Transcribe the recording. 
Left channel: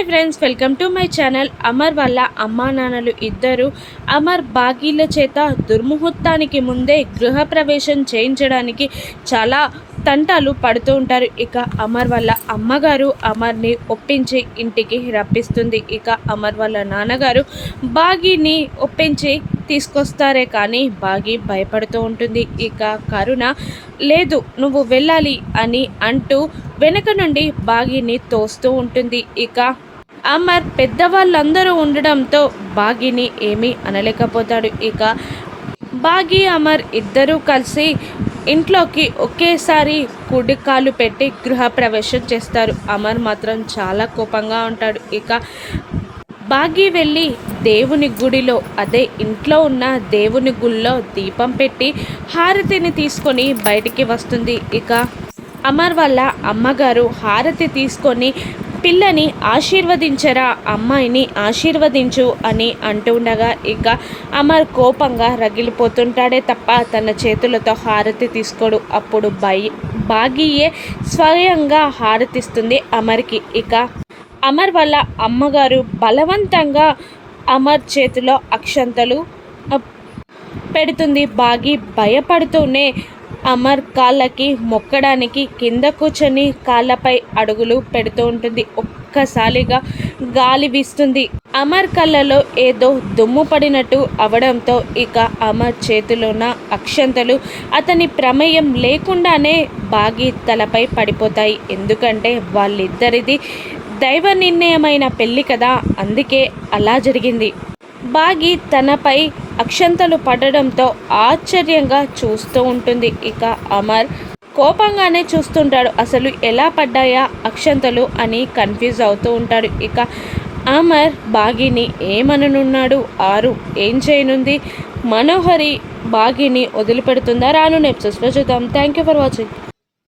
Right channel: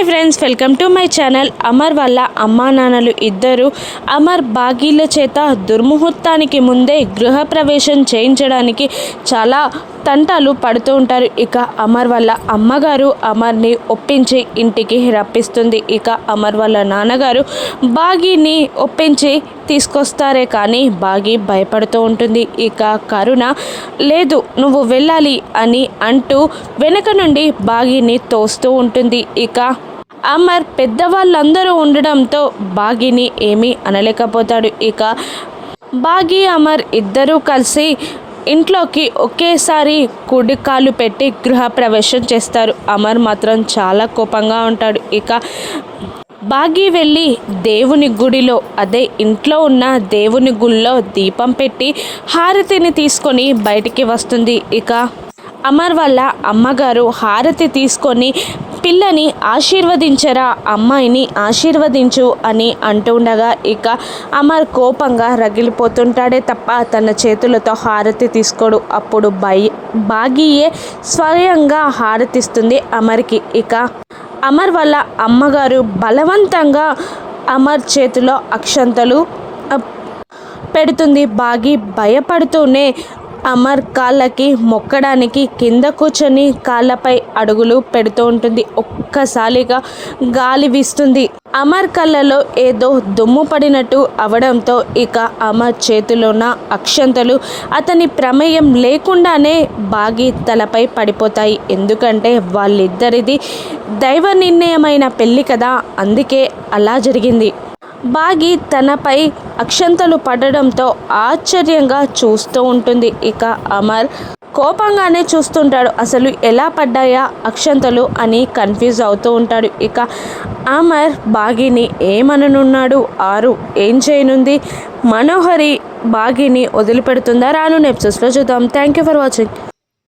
Hi friends, welcome to my channel. Amar వాళ్ళ అమ్మా నాన్నలు ఇద్దరు అమర్ బాగీల చేత దుర్ముహూర్తానికి ముందే గృహప్రవేశం చేయించడానికి చాలా తంటాలు పడుతూ ఉంటారు. ఇక అమర్ వాళ్ళ అమ్మగారు అమర్ని ఒప్పించి ఇంటికి రప్పిస్తుంది. ఇక అమర్ వాళ్ళ నాన్నగారు బాగీని ఒప్పించి తీసుకొస్తారే కానీ బాగీ భయపడుతూ ఉంటుంది. ఇక కరుణ లేదు నువ్వు వెళ్ళాలి అని అంటూ వెనక నుండి బాగీని తోస్తూ ఉంటుంది. ఇక అమర్ పెద్దవాళ్ళందరూ ఉండడంతో బాగీని ఏమీ అనలేకపోతాడు. ఇక బాగీ అమర్ ఇద్దరూ కలిసి ఇంట్లోకి ఒకేసారి కుడి కాలు పెట్టి గృహప్రవేశం చేస్తారు. అమర్ మాత్రం చాలా కోపంగా ఉంటాడు. ఇక బాగీ వెళ్ళి దేవుని గుడిలో అదే ఇంట్లో ఉన్న దేవుని గుడిలో దీపం పెట్టి హారతిని తీసుకొని బయటికి వస్తుంది. ఇక అమర్ వాళ్ళ అమ్మగారు హారతి తీసుకొని పిల్లని ఆశీర్వదించరా, అమ్మాయిని ఆశీర్వదించు అని అంటుండగా ఇక అమర్ కోపంగా రగిలిపోతుంటాడే తప్ప తన చేతులతో హారతి తీసుకోడు. అప్పుడు బాగీయే స్వయంగా హారతిస్తుంది అమర్కి. ఇక అమర్ వాళ్ళ అమ్మగారు బలవంతంగా అమర్ చేతిలో అక్షంతలు పెడుతుంది. బాగీ భయపడుతూనే అమర్ కాళ్ళకి మొక్కడానికి కింద కూర్చొని కాళ్ళపై అడుగులు పెడుతూ ఉంటుంది. ఒక్కసారిగా గాలి వీస్తుంది. అమర్ కళ్ళలో ఏదో దుమ్ము పడినట్టు అవడంతో ఇక అమర్ చేతిలోన అక్షంతలు అతని ప్రమేయం లేకుండానే బాగీ తలపై పడిపోతాయి. ఎందుకంటే వాళ్ళిద్దరిది దైవ నిర్ణయమైన పెళ్ళి కదా, అందుకే అలా జరిగింది. బాగీ తనపై అక్షంతలు పడడంతో ఆశ్చర్యంగా చూస్తూ ఉంటుంది. ఇక అమర్ కోపంగానే చూస్తుంటాడు. అసలు ఎలా పడ్డాయా అక్షంతలు అని కన్ఫ్యూజ్ అవుతూ ఉంటాడు. ఇక అమర్ బాగీని ఏమననున్నాడు, ఆరు ఏం చేయనుంది, మనోహరి బాగీని వదిలిపెడుతుందా రాను ఎపిసోడ్స్లో చూద్దాం. Thank you for watching.